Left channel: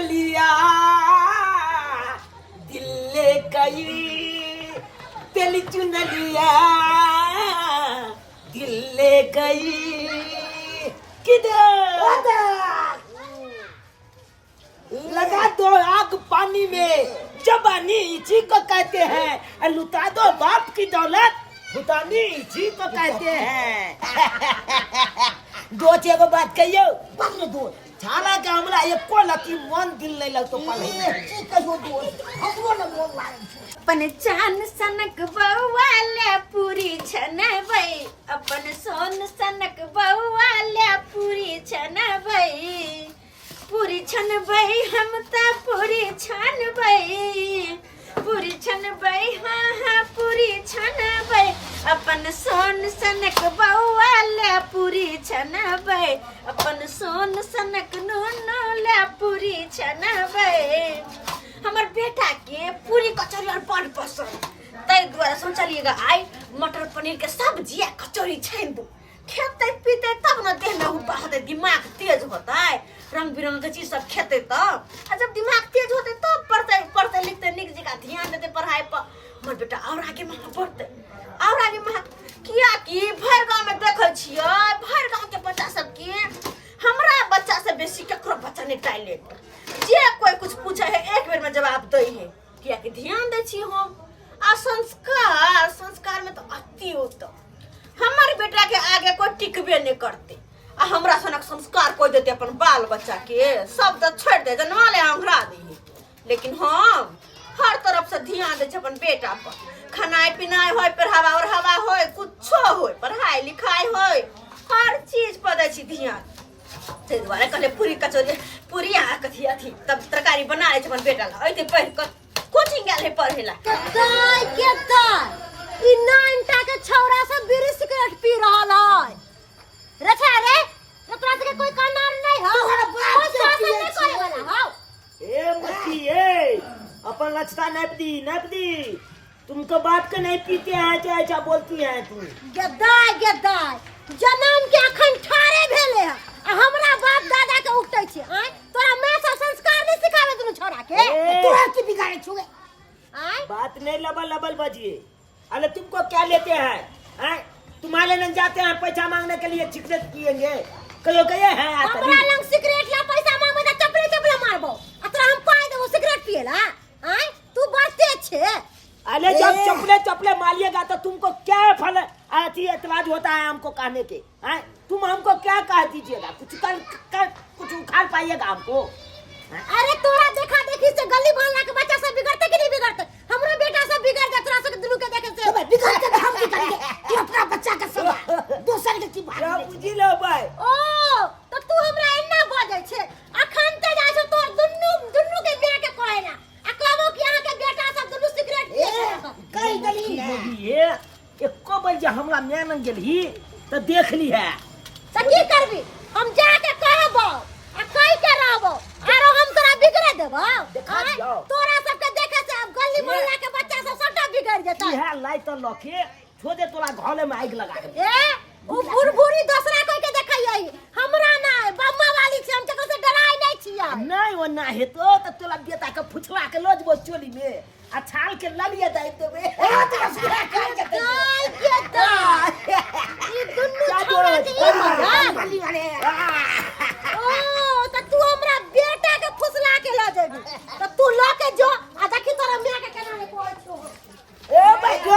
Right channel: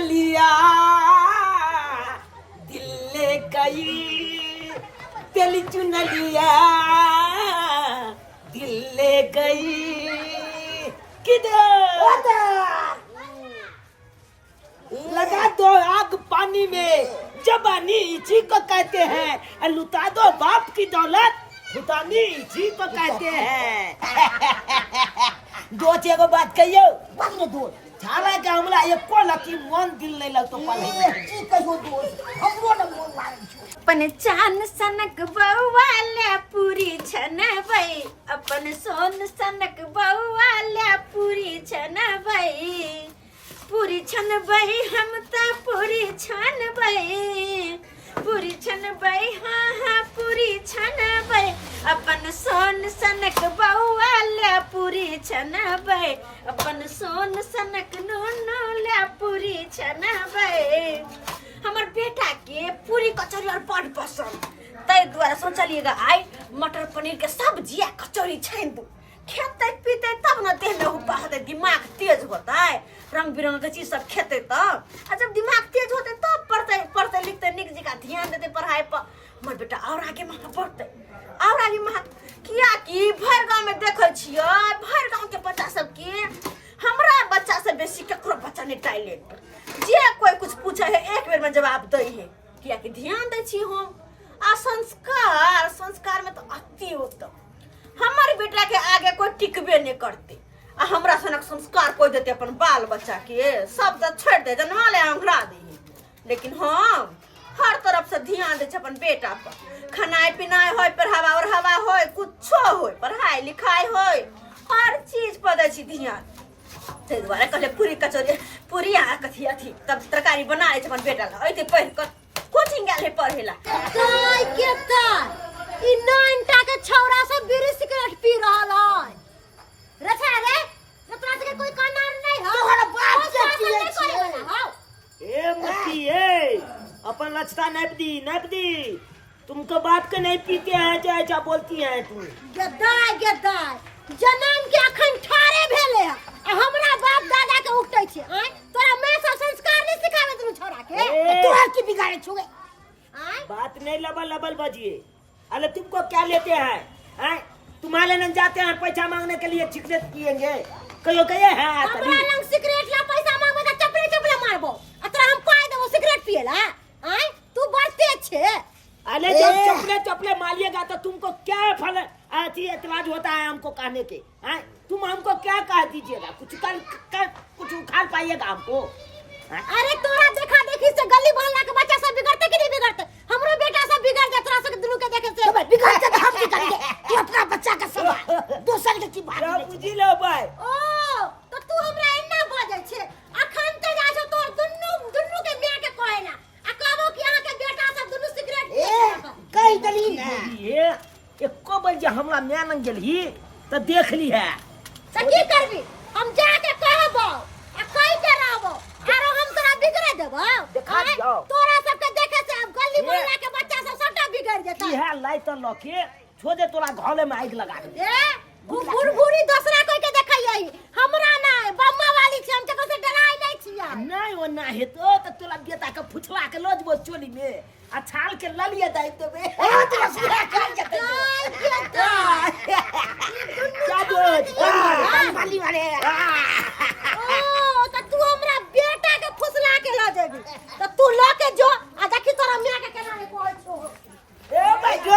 लिया दिल ले गई, तेरी चुन लिया दिल ले गई किधर। लगा दो आग पानी में, जबानी इसी को कहते हैं, और लुटा दो बाप की दौलत, भुतानी इसी को कहते हैं। दो चेगो बात कहियो, बंद दो छाला के हमला एको लकी मन दिल नहीं लगतो पाले की कहियो दो हमरो न मोन लागे छ। अपन चान सनक बउवाले पूरी छनबै, अपन सोन सनक बउवाले पूरी छनबै, पूरी छनबै हम त पूरी छनबै, पूरी छनबै हाँ हाँ पूरी छनबै, अपन सोन सनक बउवाले पूरी छनबै, अपन सोन सनक नूनूले पूरी छनबै। हमर बेटा के पूरी कचौरी और बड़ पसंद, तै द्वारा सोचलिएगा आई मटर पनीर के सब्जी आ कचौरी छान दू, खेते पीते तब न देह में हुपा होते, दिमाग तेज होता, रंग बिरंग के चीज सब खेते तब, और जब दिमाग तेज होते तब पढ़ते लिखते निक जगह ध्यान देते पढ़ाई पर, हमर बेटा और आगे महा बढ़ते और आगे महा। किया कि भर गांव में देखे छियै, भर गांव के बच्चा सब के हमरा बच्चा से बेसी केकरो बच्चा नहीं टैलेंट, जे कोई कुछ पूछे है एक बेर में जवाब दे है, किया कि ध्यान दे छी हम। आ संस्कार में तो अति होता, हमारे बेटा के आगे कोई टिकबे नहीं करते, आ हमरा सनक संस्कार कोई देते अपन बाल बच्चा के, सब तो छोड़ दे जनवा ले अंघरा दे, लेकिन हम हर तरफ से ध्यान दे अपन बेटा पर, खानाई पिनाई हो, पढ़ावा और हवा हो, कुछो हो, पढ़ाई लिखाई हो, हर चीज पर दे छी ध्यान। ते द्वारा कहले पूरी कचौरी पूरी आ कथी अथी तब तरकारी बना ले अपन बेटा ला, ऐते पढ़ के कोचिंग गेल है पढ़ेला। के ताई ई नानटा के छौरा सब बीड़ी सिगरेट पी रहल है रखा रे, तोरा के कोई काम नहीं हो, तोहरा बाप से पिए छी। ए मुखी ए अपन लचता नाप दी, तुमको बाप के नहीं पीते हैं जो ऐसा बोलती हैं तू। गद्दाय जन्म के अखन ठारे भेले है, हमरा बाप दादा के उठै छै, आय तोरा मां सब संस्कार नहीं सिखावे तू छोरा के, तोरा की बिगाड़े छुए। आय बात नहीं लबल बजिए, अरे तुमको क्या लेते हैं, हैं तुम्हारे लंग जाते हैं पैसा मांगने के लिए, सिगरेट पिएंगे कहियो गए हैं। हमरा लंग सिगरेट ला पैसा मांगबे त चपले मारबो, अतरा हम पाई देबो सिगरेट पिएला। आय तू बढ़ते छे, अरे जब चपले मारिएगा तो तुमको क्या फल एतराज होता है हमको कहने के, हैं तुम हमको क्या कह दीजिएगा, कुछ उखाड़ पाइएगा हमको। अरे तोरा देखा देखी से गली मोहल्ला के बच्चा सब बिगड़ते कि नहीं बिगड़ते, हमरो बेटा सब बिगड़ जात, तोरा सब दुनू के देखे से बिगड़ते त हम की करिए, तू अपना बच्चा के समा दोसर के की बात क्या बुझी लो भाई। ओ तो तू हमरा इन्ना बाजै छे, अखन ते जाय छ तोर दुनू के मां के कहेला, आ कहबो कि अहाँ के बेटा सब दुनू सिगरेट पिए कहि दली ये एको बार जे हमरा मैन गेलही त देख ली है, त की करबी, हम जाके कहबो आ कहि के रहबो, आरो हम तोरा बिगड़ देबो, तोरा सब के देखे से अब गली मोहल्ला के बच्चा सब सबटा बिगड़ जेतै। इहे लाई त लके छोड़े तोरा घरे में आग लगा दे। ओ बुढ़बुढ़ी दूसरा कोई के देखैयै, हमरा नै बम्मा वाली छै, हम तको से डराई नै छियै। नहीं वो ना हेतो त तोरा बेटा के फुचला के लो जबो चोली में आ छाल के ललिए दाइ देबे। ओ तोरा सिरा कर जेतै क्या दो पानी वाले ओ त तू हमरा बेटा के फुसला के ला जेबी, त तू ल के जो आ देखी तोरा मां के केना रे बोल छो। ए भाई जो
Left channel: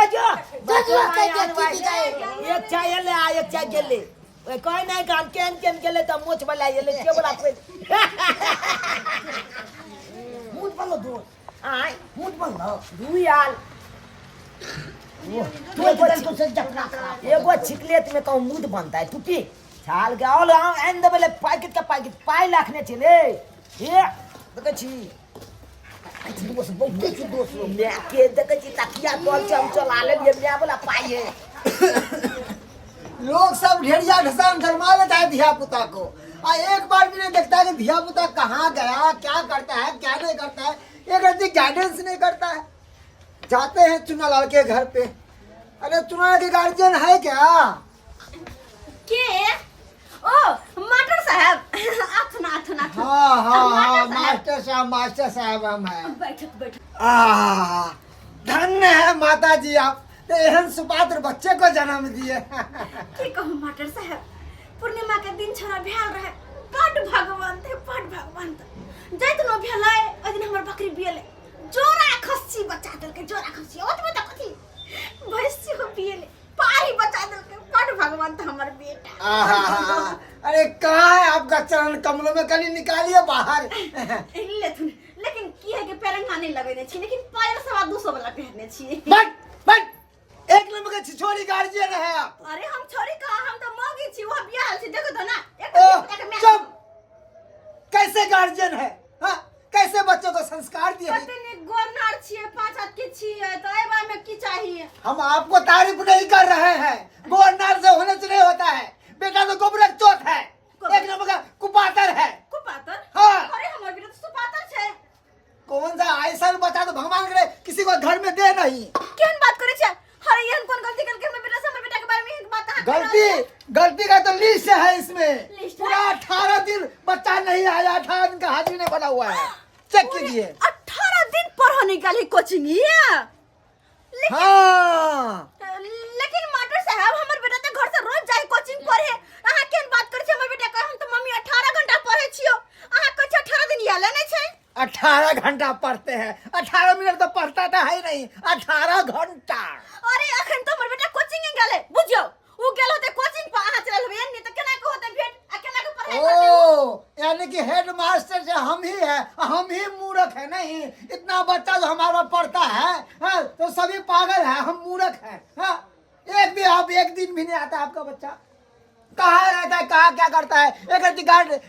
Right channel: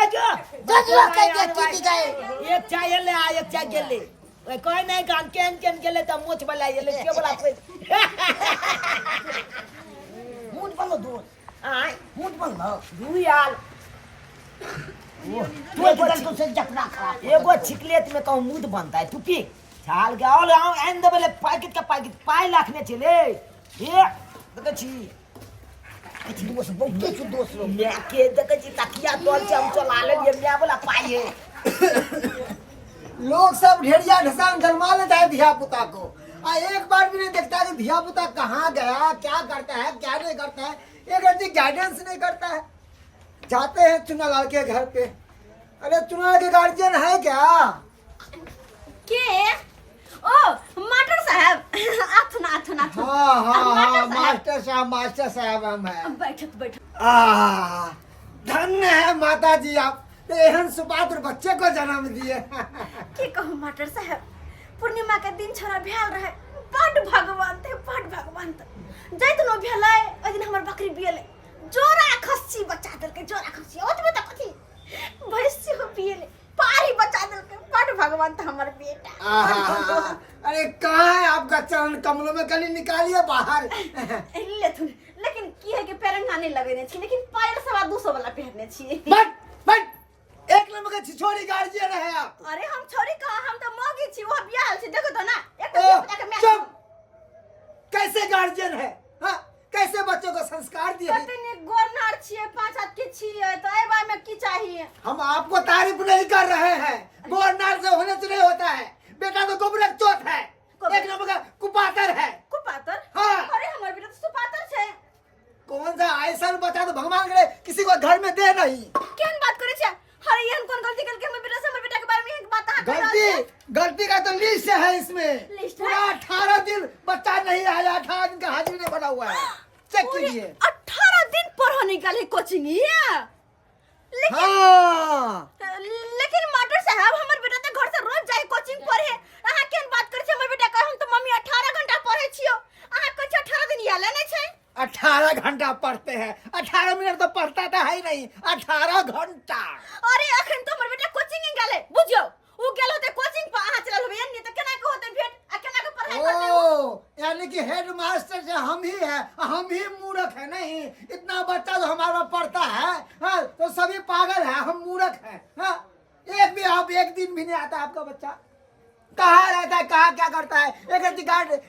कह के टीटी गए, एक चाय ले आ, एक चाय गेले ओए कोई नहीं काम केन गेले त मोछ वाला येले के बोला पे मुंह बंद दो, आय मुंह बंद दुयाल वो तू एक से जपना खराब एगो छिकलेट में कहूं मूड बनता है, तू पी छाल के और एंड बेले पैकेट के पैकेट पाई लाखने चले ये देख छी दोस्त बहुत दोस्त मैं के देख छी तकिया तोल से हम चला ले मैं बोला पाए। लोग सब ढेरिया ढसान जन्मा लेता है धिया पुता को, और एक बार भी नहीं देखता कि धिया पुता कहाँ गया, क्या करता है क्या नहीं करता है, एक रत्ती गाइडेंस नहीं करता है। जाते हैं चुनालाल के घर पे, अरे चुनालाल के गार्जियन है क्या? के ओ मटर साहब, अथुना हाँ हाँ हाँ मास्टर साहब हम हैं। बैठक बैठक। धन्य है माता जी, आप एहन सुपात्र बच्चे को जन्म दिए। की कहूँ मास्टर साहब, पूर्णिमा के दिन छोड़ा भेल रहे, बड़ भगवान थे, बड़ भगवान थे। जैत नो भेलै ओइ दिन हमर बकरी बिएले, जोरा खस्सी बच्चा देलकै, जोरा खस्सी ओतबे तक कथी भैंसी हो बिएले, पारी बच्चा देलकै, बड़ भगवान था हमर बेटा। अरे कहाँ है आपका चरण कमलों में, कली निकालिए बाहर। लेथुन, लेकिन की है कि पेरंगा नहीं लगेने छी, लेकिन पायल 250 वाला पहनने छी। बट एक नंबर का छिछोरी गार्जियन है आप। अरे हम छोरी कहा, हम तो मौगी छी, वो बियाह छी, देखो तो ना एक ओह, बच्चा के मैं चुप! कैसे गार्जियन है? हाँ, कैसे बच्चों को संस्कार दिए? पता नहीं गोरनार छिए, 5 हाथ के छिए, तो ए बार में की चाहिए? हम आपको तारीफ नहीं कर रहे हैं, गोरनार से होने से नहीं होता है। बेटा तो गोबरक चोट है, एक नंबर का कुपातर है। कुपातर? हाँ। अरे हमारे बेटा तो सुपातर छे। कौन सा ऐसा बता तो भगवान करे किसी को घर में दे नहीं। केहन बात करे छे? अरे ये कौन गलती करके हमर बेटा से हमर बेटा के बारे में एक बात आ गलती का तो लिस्ट है इसमें। लिस्ट है? पूरा 18 दिन बच्चा नहीं आया, 18 दिन का हाजिरी नहीं बना हुआ है, चेक कीजिए। 18 दिन पढ़ो निकाली कोचिंग ये। हाँ, लेकिन मास्टर साहब हमर बेटा तो घर से रोज जाए कोचिंग पढ़े, अहाँ केहन बात करे छे? हमर बेटा कहे हम तो मम्मी 18 घंटा पढ़े छियो, अहाँ कहे छे 18 दिन याले नहीं छे। 18 घंटा पढ़ते हैं, 18 मिनट तो पढ़ता था ही नहीं, 18 घंटा। अरे अखन तो हमर बेटा कोचिंग गेले, बुझियो उ गेल होते कोचिंग पर, अहाँ चलल होय नहीं तो केना के होते भेट, आ केना के पढ़ाई करते हो? ओ, यानी कि हेड मास्टर जो हम ही है, हम ही मूर्ख है नहीं। इतना बच्चा जो हमारा पढ़ता है, हाँ, तो सभी पागल है, हम मूर्ख है। हाँ, एक दिन भी नहीं आता आपका बच्चा, कहाँ रहता है, कहाँ क्या करता है, एक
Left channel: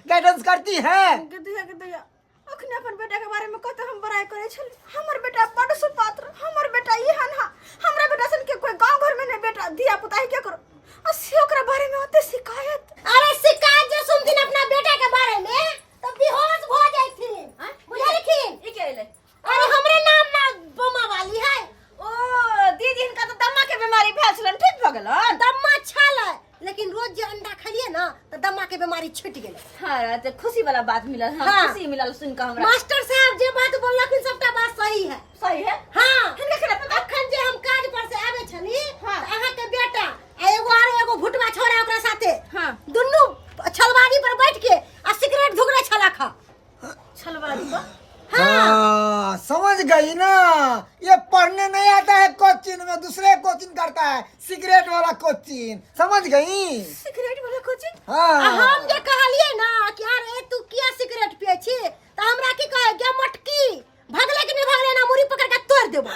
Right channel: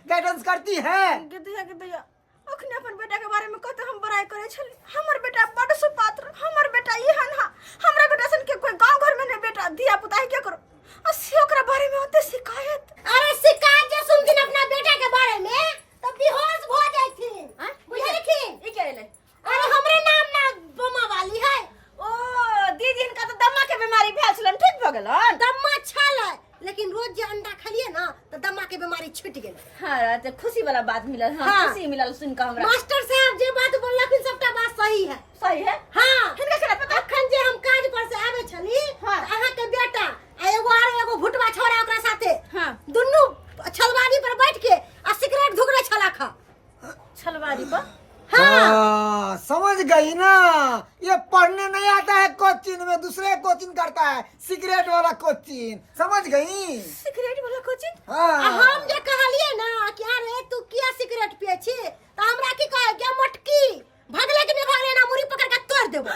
गाइडेंस करती है। गिद्धिया अखने अपन बेटा के बारे में कहते हम बड़ाई करे छली, हमर बेटा बड़ सुपात्र, हमर बेटा एहन हा, हमरा बेटा सन के कोई गांव घर में ने बेटा धिया पुता है क्या करो, असी ओकरा बारे में होते शिकायत। अरे शिकायत जो सुनथिन अपना बेटा के बारे में तो बेहोश हो जाइथिन, बुझलखिन? ई के ले? अरे हमरे नाम ना बमा वाली है। ओ दीदी इनका तो दम्मा के बीमारी भेल छलन, ठीक भ गेलन? दम्मा छल, लेकिन रोज जे अंडा खलिए ना तो दम्मा के बीमारी छूट गेले। हां तो खुशी वाला बात मिलल। हां हाँ। खुशी मिलल सुन के हमरा। मास्टर साहब जे बात बोललखिन सबटा बात सही है। सही है? हाँ, हिनका केना पता? अखन जे हम काज पर से आवे छली, हाँ। तो अहाँ के बेटा आ एगो भुटवा छोरा ओकरा साथे, हाँ। दुन्नु छलवारी पर बैठ के आ सिगरेट धुकरे छला खा। छलवारी पर? हाँ, समझ गई ना, ये पढ़ने नहीं आता है कोचिंग में, दूसरे कोचिंग करता है, सिगरेट वाला कोचिंग, समझ गई? सिगरेट वाला कोचिंग? हाँ। हम जे कहलिए ना कि अरे तू किया सिगरेट पिए छी, तो हमरा की कहे क्या मटकी भागले कि नहीं भागले ना मुरी पकड़ के तोड़ देबो।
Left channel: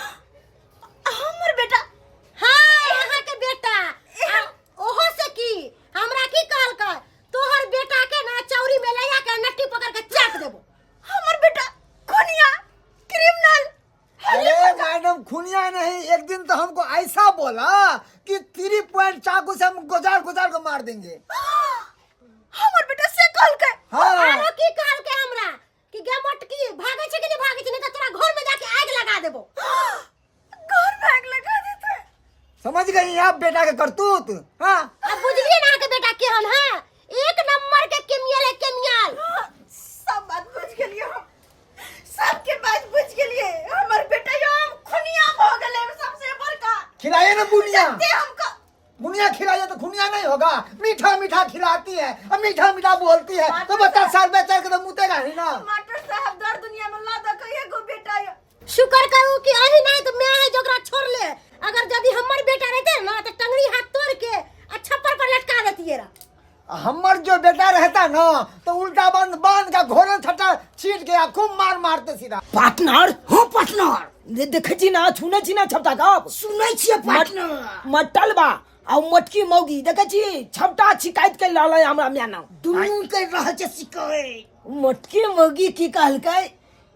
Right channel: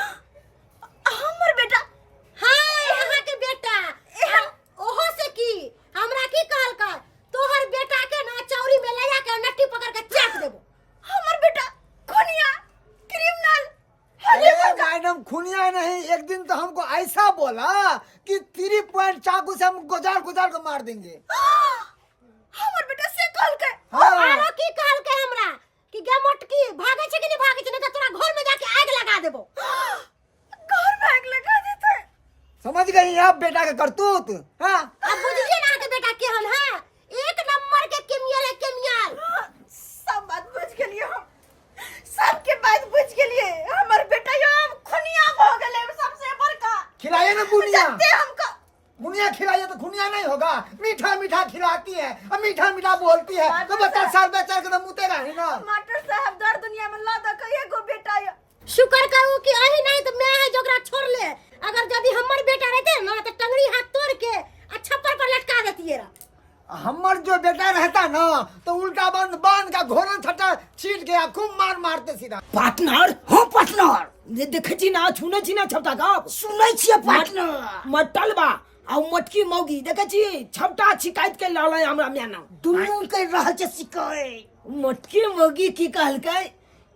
हमर बेटा? हाँ, यहाँ के बेटा ओहो से की हमरा की कहलकै, तोहर बेटा के ना चौरी में ले जाके नट्टी पकड़ के चाट देबो। हमर बेटा खुनिया क्रिमिनल? अरे मैडम, खुनिया नहीं, एक दिन तो हमको ऐसा बोला कि 3 पॉइंट चाकू से हम गुजार को मार देंगे। हमर बेटा से कहलकै? हाँ। आरो की कहलकै हमरा कि गे मटकी भागे छै कि नहीं भागे छै, नहीं तो तोरा घर में जाके आग लगा देबो। घर में आग लगा देते? समझ गई आप बेटा के करतूत? हाँ। अब बुझलिए ना के बेटा केहन है, एक नंबर के केमियल है, केमियल। सब बात बुझ गेलिए हम, सबके बात बुझ गेलिए। हमर बेटा हम खुनिया हो गेले सबसे बड़का। खिलाइए ना बुनिया, जत्ते हमको बुनिया खिलाइए तो खुनिया नहीं होगा। मीठा मीठा खिलाती है और मीठा मीठा बोलती है, तो बच्चा साल बेचार के तो मुतेगा ही ना। मास्टर साहब दर दुनिया में ला द कहिए गो बेटा ये। शुक्र करू कि अही नहीं तो मैं है जोकरा छोड़ ले। अगर यदि हमर बेटा रहते ना तो टंगड़ी हाथ तोड़ के छप्पर पर लटका देती रहा। हमार जो बेटा रहता ना तो उल्टा बांध का घोड़न छटा छीट गया, खूब मारते सीधा। पार्टनर? हाँ पार्टनर, देखे छी ना, सुने छी ना छपटा का? सुने छिए पार्टनर। मटलबा आ मटकी मौगी देखे छी छपटा शिकायत के लाला हमरा म्याना दुनू के रहल छै शिकायत। मटकी मौगी की कहलकै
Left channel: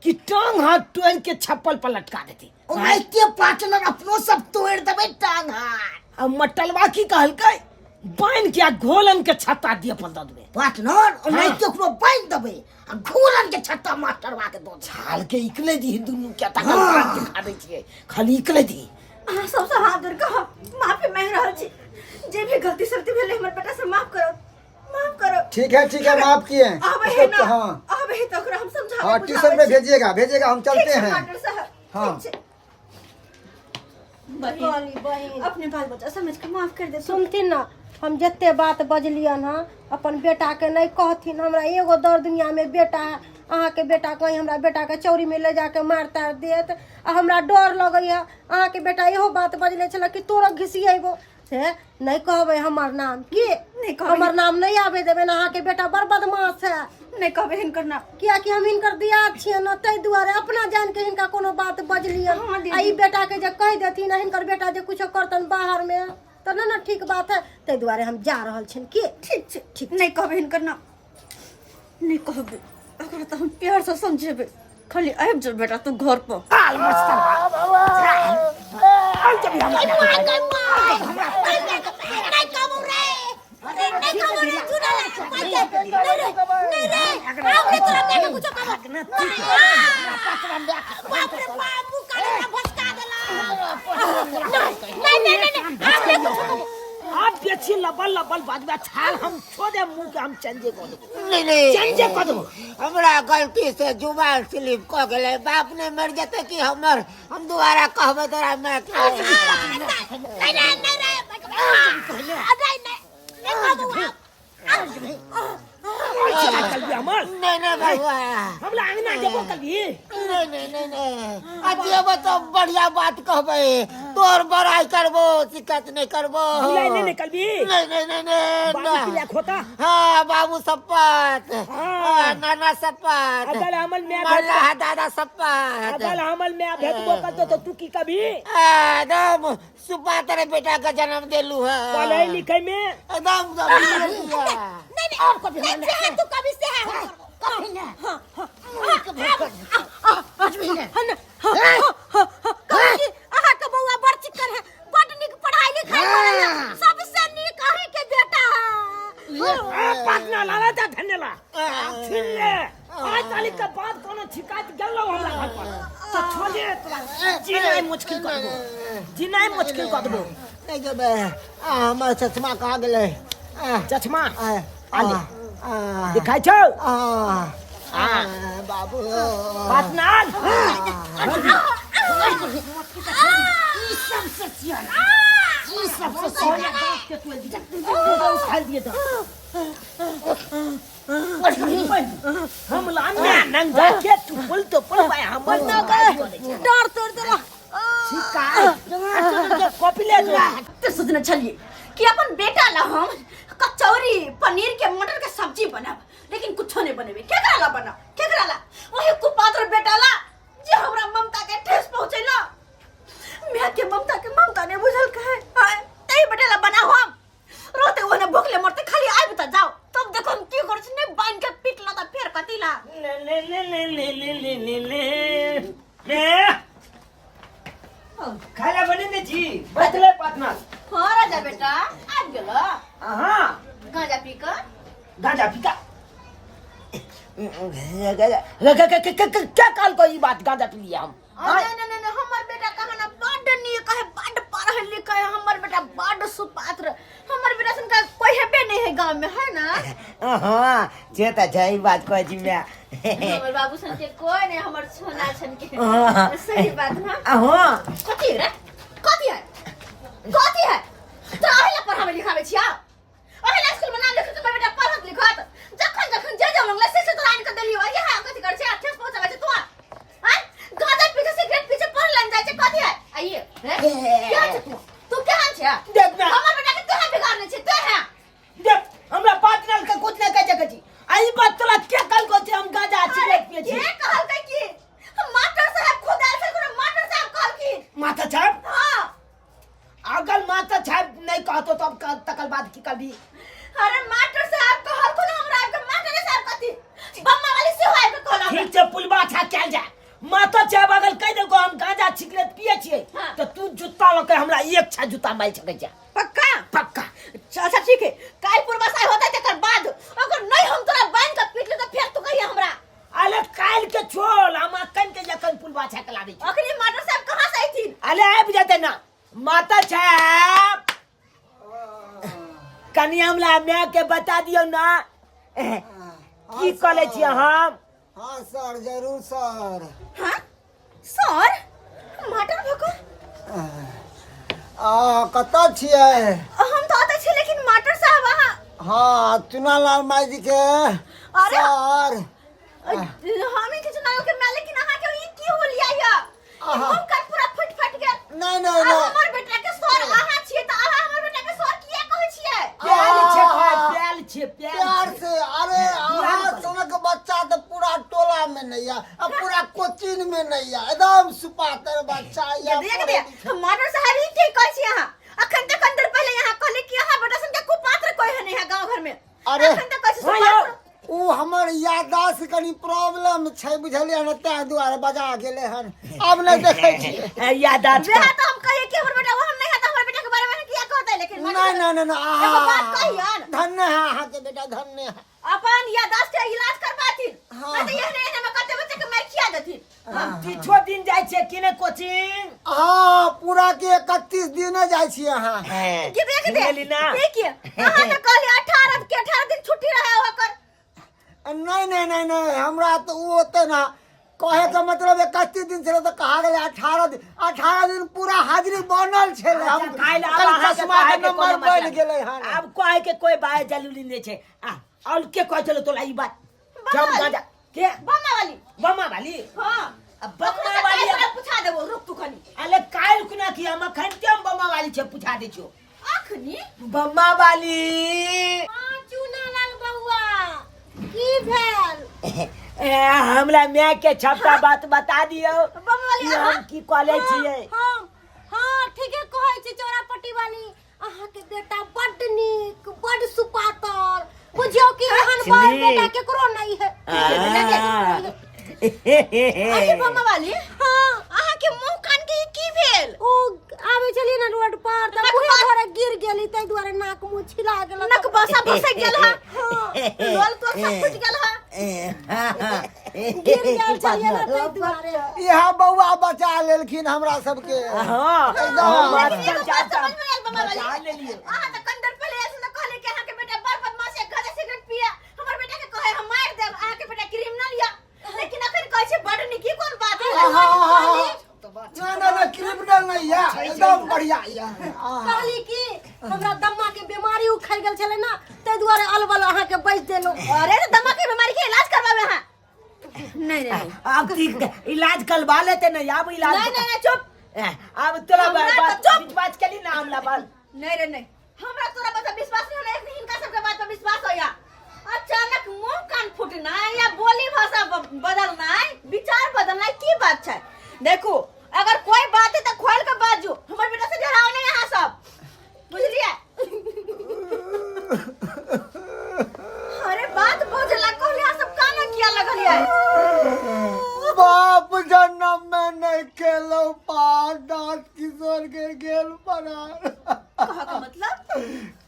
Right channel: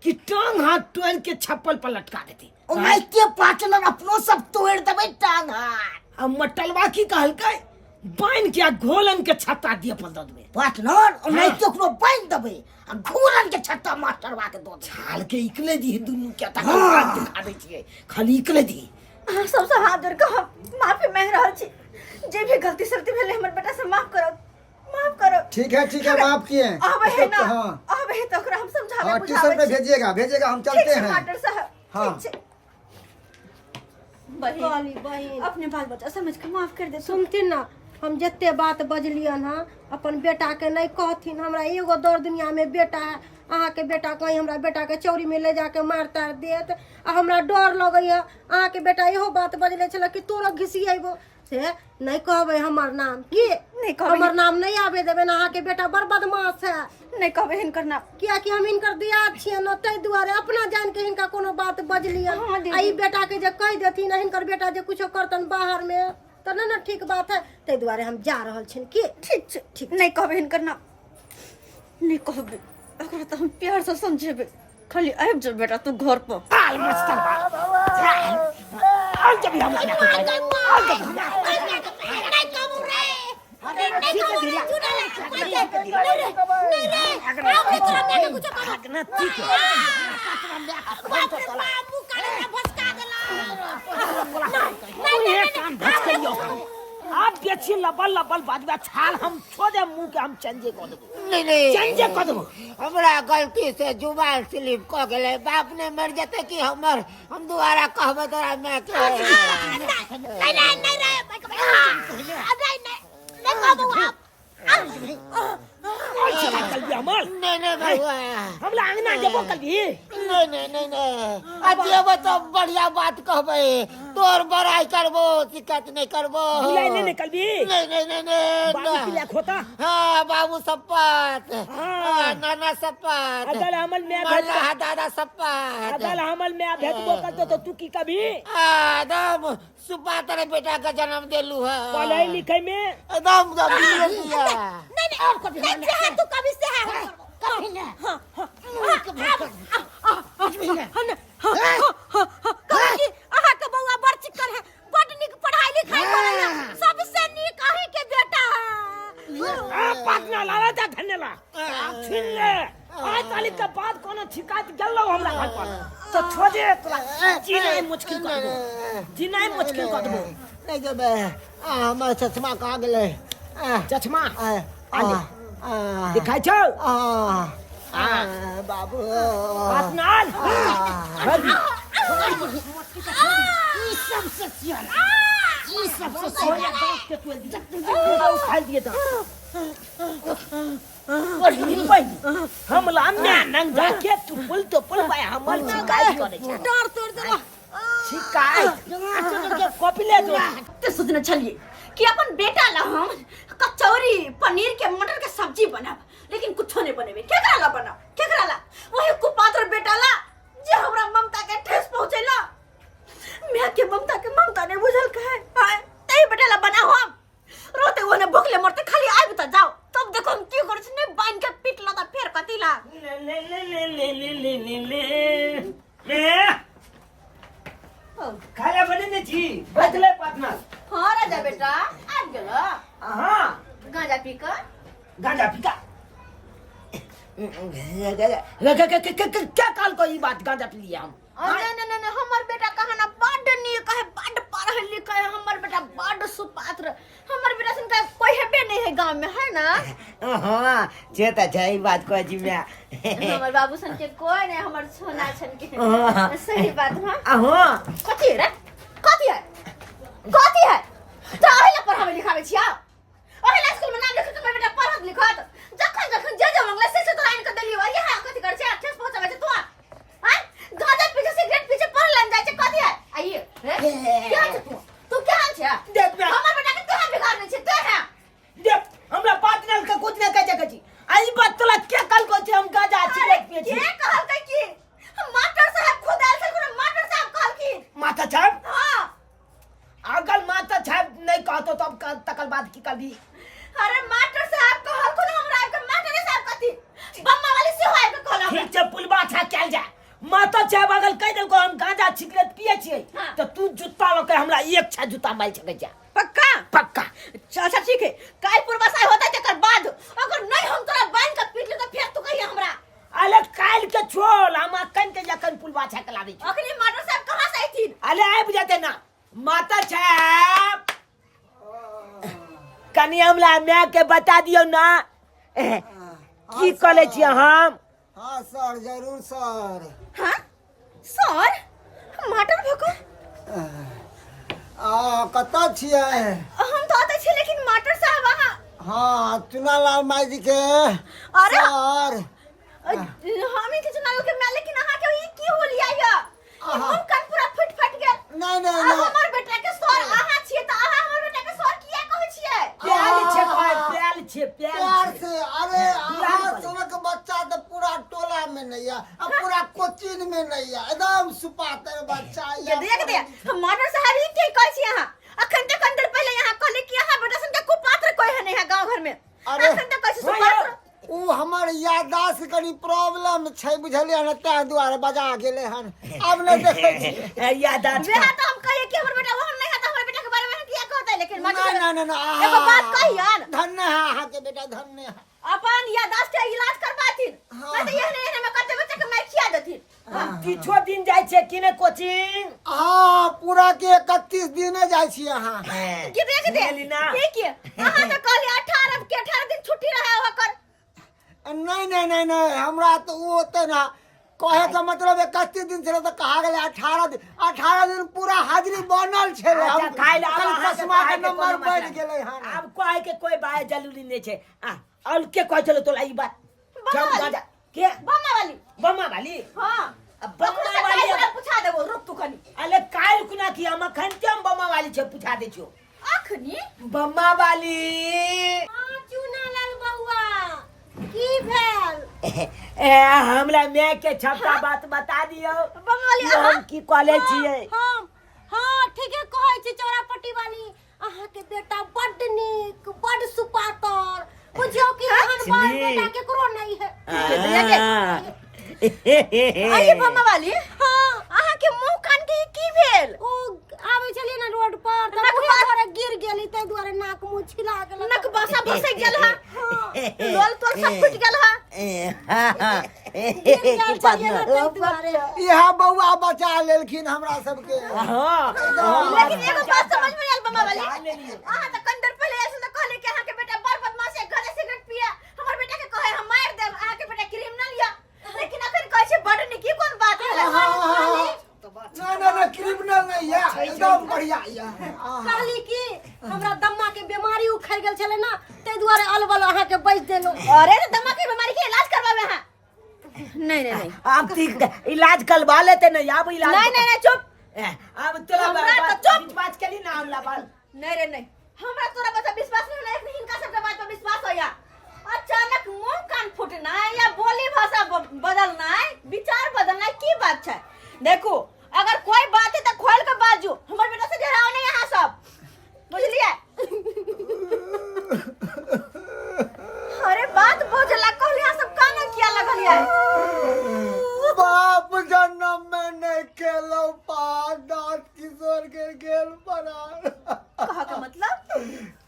कि टांग हाथ तोड़ के छप्पल पर लटका देती, ओनाहिते पार्टनर अपनो सब तोड़ देबै टांग हाथ। आ मटलबा की कहलकै बांध के घोलन के छत्ता दिए पर दऽ देबै पार्टनर, ओनाहिते ओकरो बांध देबै आ घोलन के छत्ता मास्टरबा के दऽ देबै। हाल के इकले दी दुनू के तक दिखा दै छियै, खाली इकले दी। सबसे हाथ जोड़ के हम माफी मांग रहल छी, जे भी गलती सलती भेले हमर बेटा से माफ करो। माफ करो। ठीक है माफ किए हैं। अब है ना, हाँ अब है तो ओकरा हम समझावे हाँ ट्यूशन पे भेजिएगा हम चलते हैं। मास्टर साहब। हाँ। ठीक छै। काली बहिन अपने बाल बच्चा समझ के माफ कर दे। सुनथिन ना, हम जते बात बजलियन हाँ अपन बेटा के नहीं कहथिन। हमरा एगो दौड़ दुनिया में बेटा है, अहाँ के बेटा कहीं हमरा बेटा के चोरी में ले जाके मार तार देत। आ हमरा डर लगैया अहाँ के बेटा इहो बात बजले छल कि तोरा घिसिएबो से नहीं कहबे हमर नाम की नहीं कहबै। हमर नाम नहीं आवे देबे ना। अहाँ के बेटा बड़ बदमाश है। नहीं कहबे हिनकर नाम। किया कि हम हिनकर दिया छियै न, तै दुआरे अपना जान के हिनका कोनो बात बजलियन। हाँ दीदी। आ ई बेटा के जे कह देथिन हिनकर बेटा जे कुछो करतन बाहर में तो ना ठीक बात है। तै दुआरे हम जा रहल छिन की। ठीक छै, ठीक नहीं कहबे हिनकर नाम। नहीं कहबे ओकरा तो हम प्यार से समझेबे। खाली आबि जा बेटा तू घर पर। आल मत कर आल जब हम ना कोई आल जब हम नहीं कहबो रे। ठीक है दिला भागना ठीक है। बाप रे बाप मुंह काला भसका देला। ये काम भटकियो आप बेची लबल लबल बाजबा छाल हम छोड़े मुंह के हम चंजे को देबो। नहीं चंजे को देबो। हमरा गलती से जुबान स्लिप क गेले। बाप ने मर जाते कि हम दोबारा कहबे तोरा मैं के शिकायत कर दिया अमल। नहीं बाबा हमला अंगना देबो कर दी। नहीं अजेबो तो बढ़िया बात कहबे। तोर बड़ाई करबो, शिकायत नहीं करबो। बुलाई नहीं निकल भी। नहीं बाबू के लिए खोता। हाँ बाबू सप्पत। हाँ। नाना सप्पत। अगर अमल में मल्ला दादा सप्पत। अगर अमल में भेटबो करतो तो तू की कभी एकदम सुपा तेरे बेटा का जन्म देलू है। पढ़ाई लिखाई में एकदम नहीं और कभी नहीं तू कभी से है कभी नहीं। अहाँ के बउआ बड़ चिक्कन है, बड़ निक पढ़ाई लिखाई करैया, सबसे निक अहीं के बेटा है। पाटना लाला जा धन्यला छीन ले। आज तारीख के बाद कोनो शिकायत गल्लो हमरा घर पर तो छोड़े तोरा जीना मुश्किल कर दो। जीना मुश्किल कर दो। नहीं जब हमर चश्मा कहाँ गेले? चश्मा आ दिखाई छौ बाबू पाटनाल ई सबसे सियाना, ई सबसे सोया दांत के तू जब उखाड़ दिए तो हमला में नंगा के तू पुल भाई हमल डर तोड़ देला। शिकायत कॉपी ले जो। तो सोचना चलिए कि अपन बेटा ला हम कचौरी पनीर के मटर के सब्जी बनाब, लेकिन कुछो नहीं बनेबे। केकरा ला बनाब? केकरा ला? वही कुपात्र बेटा ला जे हमरा ममता के ठेस पहुंचेला। मैं के ममता ने बुझल कहे हां तई बेटा ला बना हम रोते ओने भूखले मरते खाली आइब त जाओ तब देखो हम की कर ने बाइन के पीटला त फेर कतिला ले खाला बने ने जी बदले पाटना। हां राजा बेटा आ गेला। हां गांजा पी कर गांजा पीका क्या काल को ये बात गांजा पी लिया हम। नहीं हमर बेटा कहे ना बड़ नीक है, बड़ पढ़ल लिखल है। हमर बेटा बड़ सुपात्र। हमर बेटा सन का कोई हेबे नहीं है गांव में, है ना? हाँ जे त जई बात को जी मैं हमर बाबू सन के कोई नहीं, हमर सोना छन के। सही बात हां। हाँ कथी रे? कथी है? तो आइला पढ़ावे लिखावे छिया? ओहिला स्कूल में नाम लिखत तो बेटा पढ़त लिखत जखन जे मंगला से तो लाइन के देली और ये है कथी कर छै? ठेस पहुंचावे छै तू? हैं? गांजा पी के सिगरेट पीछे पढ़ लन जाय छै कथी है? आइए क्या छै तू क्या छै? देख ना हमर बेटा के केहन बिगाड़ने छै? ते है देख हमरा पाटनल के कुछ न कह कजी आई बात तोला के काल को छै हम गांजा सिगरेट पिए छी। के कहल कै की मास्टर साहब खुद आयल छै, कोनो मास्टर साहब कहल की माता साहब हां अगर माता साहब नहीं कहतो तब तकल बात की कभी। अरे मास्टर साहब कहल को हमरा के मास्टर साहब कथी बम्मा वाली से होय के कहल ठीक से पुलबा छा चल जा। माता साहब अगर कह देलको हम गांजा सिगरेट पिए छिए हाँ। तो तू जूता लके हमरा एक छा जूता मार सके जा। पक्का पक्का अच्छा ठीक है। काल पूर्वासाय होता है तकर बाद अगर नहीं हम तोरा बांध के पीट ले तो फिर तू कहिए हमरा। अले काल के छोल हम कन के जखन पुलबा छा के लाबी। अखनी मास्टर साहब कहां से आई थी? अले आब जाते ना माता साहब कनी हमला मैं के बता दियो ना की करे छी हम। हाँ सर, जरूर सर। हाँ सर मटर फेंको कतऽ छियै? हम तो आते छी लेकिन मटर साहब वहाँ हाँ, चुनालाल माई जी के अरे! सर। हम ही के चुनाव के मैं, लेकिन अहाँ के ई की हो लिया ये हम कन पूरा फट गेल। नहीं आ हमर बेटा के सर अहाँ छियै त अहाँ हमर बेटा के सर किया कहै छियै? प्याल छे कहे प्याल छे प्यार से। अरे अहाँ सनक बच्चा तो पूरा टोला में नहीं है, अब पूरा कोचिंग में नहीं है, एकदम सुपातर बच्चा ये देख हम मटर साहब ही के कहै छी अहाँ। अखन तक अंदर पहले यहाँ कहले कि अहाँ बेटा सन के कुपात्र कोई है नहीं है गांव घर में। अरे, अखन तक कहै छी सुपात्र। उ हमर याददाश्त कनी प्रॉब्लम छै, बुझलियै न, ताहि दुआरे बजा गेले हन। अब नहीं देखे छी यादाश्त। वेहा तो हम कहिए कि हमर बेटा वो हम नहीं है, तो हमर बेटा के बारे में किया कहता है, लेकिन नहीं एगो बात कहियन। धन्य है अहाँ के बेटा, धन्य है। अपन याददाश्त के इलाज करबाथिन। हाँ। नहीं तो ये में करते बच्चे के मैं किया देथिन। किछो दिन जाय छे कि ने कोचिंग। हाँ, पूरा के 31 दिन जाय छी अहाँ। कि देख दे लीना। देखिए अहाँ तो कहली 18 दिन छुट्टी रहे होकर। नहीं, हमरा तो वो होते ना, कहे का मतलब 31 दिन से तो कहा गया 18 दिन पूरा हाजिरी बनल छे। हम खाइल अब अहाँ के कहे के कोनो नंबर बढ़ मतलब गेलै हन। अब कहे के कोई बात जरूरी नहीं छे। और के कह चलो तोला ई बात बम्मा जब वाली। जा के बम्मा वाली हां अब बम्मा वाली अब पूछा देबो, रुक तू खनी। अले काल कुना की हम अखन के बम्मा वाली छे पूछा दे छो। अखनी बम्मा वाली चुनालाल बउआ की भेल? हमरा मैं के छपटा बात बता दियो। बम्मा वाली कि हम की कॉलेज छिए। हम हाँ ठीके कहै छी चौरापट्टी वाली। अहाँ के बेटा बड्ड नीक, बड्ड सुपातर, बुझियो कि एहन बाल बेटा केकरो नहीं है। अरे बम्मा वाली हाँ, अहाँ के मुंह कान के की भेल? ओ आबै छलियै ना रोड पर त बुहे भरे गिर गेली, तै दुआरे नाक मुंह छिला गेल। नक बसा फसे गेल हा। लोल तो सब फुट गेल हा। गिर गेल छलियै ना तै दुआरे। यहाँ बउआ बचा लेलखिन हमरा सबके। हां हम बात लेकिन पर एगो बात जाता समझ में आयल बम्मा वाली। बचा लेलिए। अहाँ त कंदर पहले ऐसे न कहले कि अहाँ के बेटा बड़ बदमाश है, घरे सिगरेट पिए, हमर बेटा के कहे हम मार देब, अहाँ के बेटा क्रिमिनल या। लेकिन अखन कहै छै बड़ निकी कोन बात है? ना, क्रिमिनल नहीं है, एकदम बढ़िया है। कहली कि हमरा दम्मा के बीमारी उखड़ गेल छले ना, तै दुआरे अलबल अहाँ के बैठ देलो। अरे तो दमा के बीमारी के इलाज करवावे हैं। नहीं अब ठीक इलाज करवा लेते नहीं। अब इलाज नहीं चुप। अब तोरा हमरा तो बात चुप। बात करी ना हमला बात नहीं हमरा तोरा बता विश्वास नहीं होना, एक हिनका सबके बात पर विश्वास होया। अचानक मुंह कान फूटना या बोली भाषा बदलना, विचार बदलना की बात है? देखो अगर कोई बात है तो खोल के बाजू, हमर बेटा से डराओ नहीं यहाँ सब, बुझलिए? अरे बात बुझला को यहाँ सब काने किया लगल है? बाप जन्म में नहीं खेलो पास, दांत किशोर के गेल पड़ा। कहा का मतलब?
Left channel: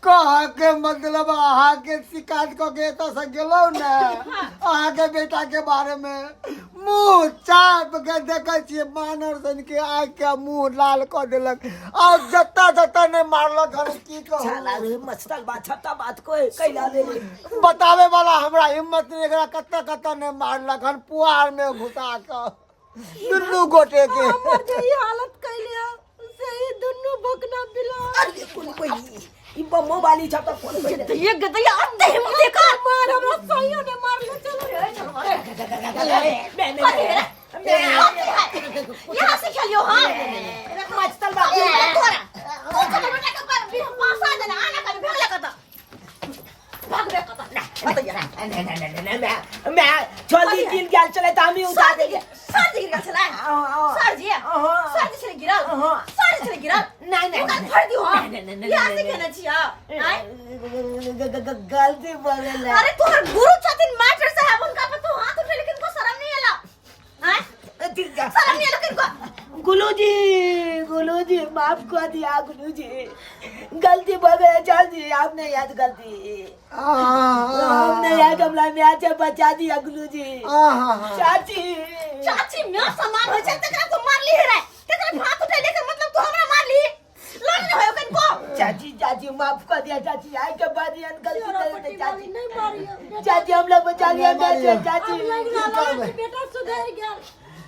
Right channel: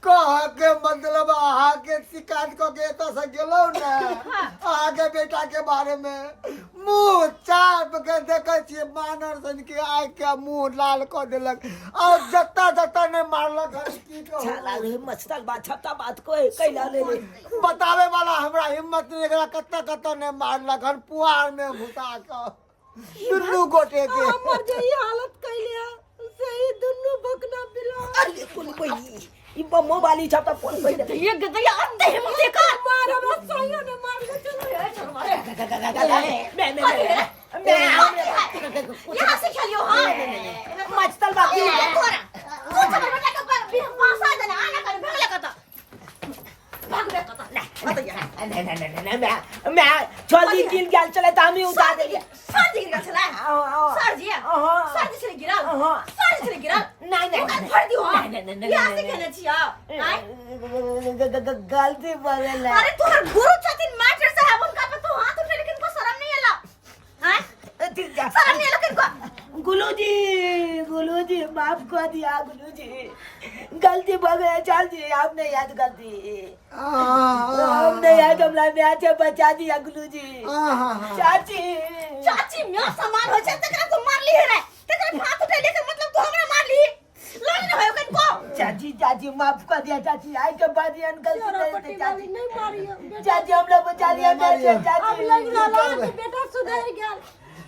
कहा के मतलब अहाँ के शिकायत को के तो से गेलो ना, अहाँ के बेटा के बारे में मुंह चाप के देखे छिए, मानर सन के आग के मुंह लाल कर देलक। आज जत्ता ने मारलक हन, की कहू। साला रे मस्तर बात छपटा बात को कैला ले ले। बतावे वाला हमरा हिम्मत नहीं, एकरा कत्ता ने मारलक हन, पुआर में घुसा के दुनू गोटे के। हमर जे ई हालत कैले है, सही दुनू भकना बिला। अरे कोनी कोई ई बम्मो वाली छपटा कोन पहले ये गदया अंधे हिम्मत देखा मार हमरा सही ने मार ले यहाँ से खेलियो। हाँ मस्तर बात मैं जल्दी गिर गया चले तो हम ही उतार देंगे। गलती बगल अरे तोहर गुरु छथिन मास्टर साहब, उनका पे तू हाथ उठे, लेकिन को शर्म नहीं आला? हैं? शर्म नहीं आला किनको? गुलूजी माफ कर दिया गुलूजी, गलती बगल चल दी, आपने याद गलती हमने याद हमला मैं से बचा दिया गुलूजी। चाची चाची मैं सामान हो जाए तकरा तू मार ली रे, तकरा हाथ उठे लेकर मतलब तू हमरा मार ली, लड़ न होयो किनको? चाची चाची माफ कर दिया चाची, आई के बाद ये अंकल चोरापट्टी वाली नहीं मारियो चाची हम लोग बचा लिया नहीं चाची मारियो। चाची अब लग रहा है बेटा सुधर गया।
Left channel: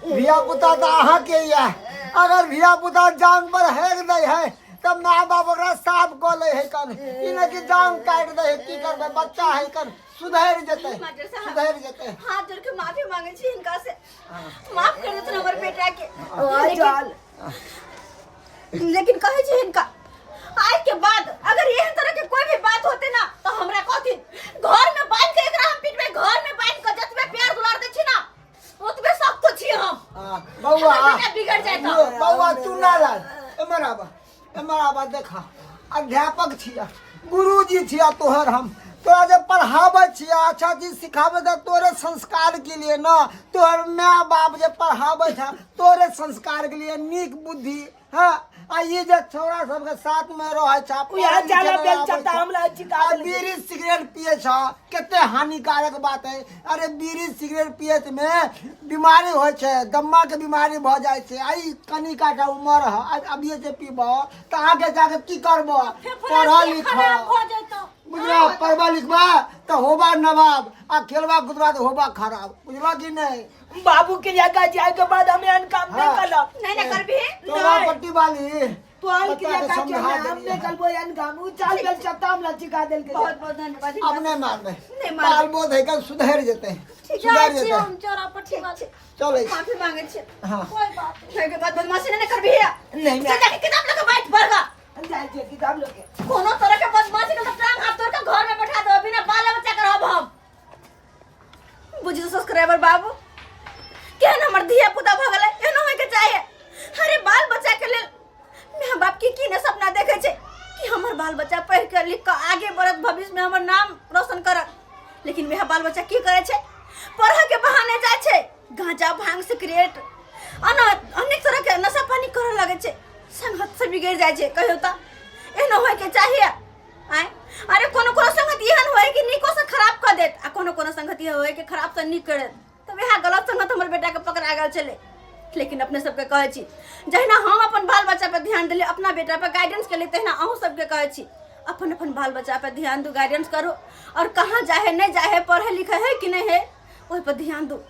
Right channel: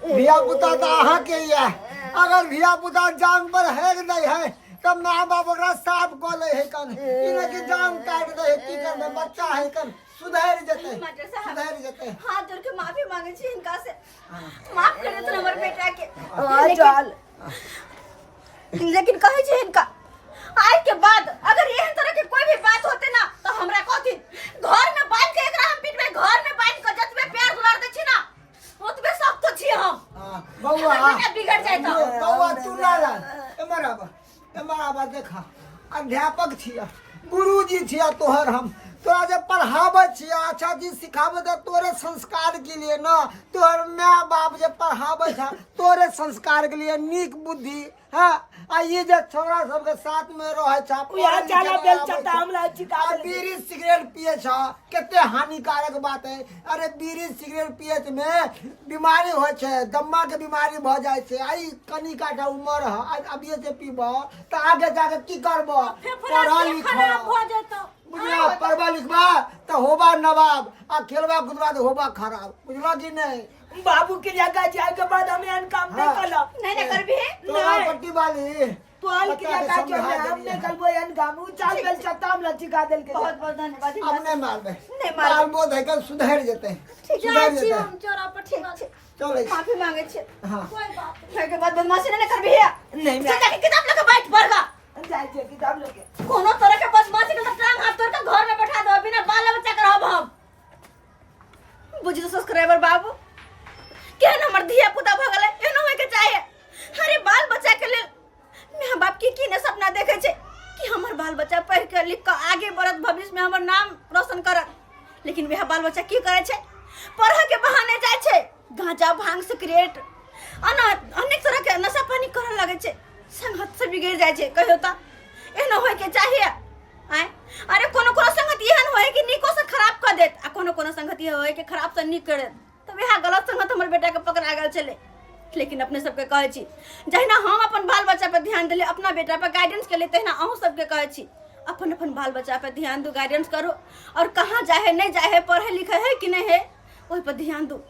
धिया पुता तो अहाँ के ही है। अगर धिया पुता जान पर हेग नहीं है तब माँ बाप ओकरा साफ कऽ ले है कन, इने की जान काट दे है, की करबे, बच्चा है कन, सुधर जते मास्टर साहब सुधर जते। हाथ जोड़ के माफी मांगे छी इनका से, माफ कर दो हमारे बेटा के। चल लेकिन कहे छी इनका आए के बाद अगर ये तरह के कोई भी बात होते ना तो हमरा कथी घर में बांध के एकरा हम पीट में घर में बांध के जतबे प्यार दुलार दे छी ना ओतबे सब तो छी हम। बउआ हमर बेटा बिगड़ जाए तो बउआ तू ना लाल एमराबा देखा अध्यापक छिया, गुरुजी छिया तोहर, हम तोरा जे पढ़ावे छिया अच्छा चीज सिखावे दे तोरे संस्कार के लिए ना, तोहर माँ बाप जे पढ़ावे था तोरे संस्कार के लिए, नीक बुद्धि। हाँ आ ये जे छोरा सब के साथ में रहे छा यहाँ जाला बेल चटा हमला चिका देल बीड़ी सिगरेट पिए छा, केते हानिकारक बात है। अरे बीड़ी सिगरेट पिए में बीमारी होय छे, दम्मा के बीमारी भ जाय छे। आई कनिका का उम्र है, अब ये से पीबो तो आगे जाके की करबो, पढ़ा लिखा खराब हो जाता। बुझलो, पढ़बा लिखबा तो होबा नवाब, आ खेलबा कूदबा तो होबा खराब, बुझलो कि नहीं। बाबू के जगह जाए के बाद हमें अनकाम नहीं करलो नहीं ना कर भी तोरा पट्टी वाली तो आल के बता के जगह समझा के हम देलिए। नहीं करबो अनकाम चल बेल चटा हमला चिका देल के बहुत बहुत धन्यवाद अब नहीं मार दे, नहीं मार मार बोध है कल सुधर जेते, जाए सुधर छी जेते। हम चोरापट्टी वाली। चल माफी मांगे छी हाँ कोई बात नहीं। फिर के बाद बदमाशी नहीं कर भी नहीं मैं जाके किताब लेके बैठ पड़गा जाए छे किताब लेके कोनो तरह के बदमाशी के टांग हाथ तोड़ के घर में बैठा दो, बिना बाल बच्चा के रहब हम। बुझी तो सब्सक्राइबर बाबू केहन हमर धिया पुता भ गेलै एहनो होय के चाहिए। अरे बाल बच्चा के लेल माँ बाप की ने सपना देखे छे कि हमर बाल बच्चा पढ़ के लिख के आगे बढ़त, भविष्य में हमर नाम रोशन करत। लेकिन वह बाल बच्चा की करे छे, पढ़े के बहाने जाय छे गांजा भांग सिगरेट अनेक तरह के नशा पानी करे लगे छे, संगत से बिगड़ जाय छे। कहियो त एहनो होय के चाहिए। आय अरे कोनो कोनो संगत एहन होय कि निको से खराब कर देत, आ कोनो कोनो संगत ये होय कि खराब से निक करे। तो वह गलत संगत हमर बेटा के पकड़ा गेल चले। लेकिन अपने सबके कहे छी जहिना हम अपन बाल बच्चा पर ध्यान देले, अपना बेटा पर गाइडेंस के लिए, तहिना अहूँ सबके कहे छी अपन अपन बाल बच्चा पर ध्यान दो, गाइडेंस करो, और कहाँ जाए नहीं जाए, पढ़े लिखे है कि नहीं है, वही पर ध्यान दो।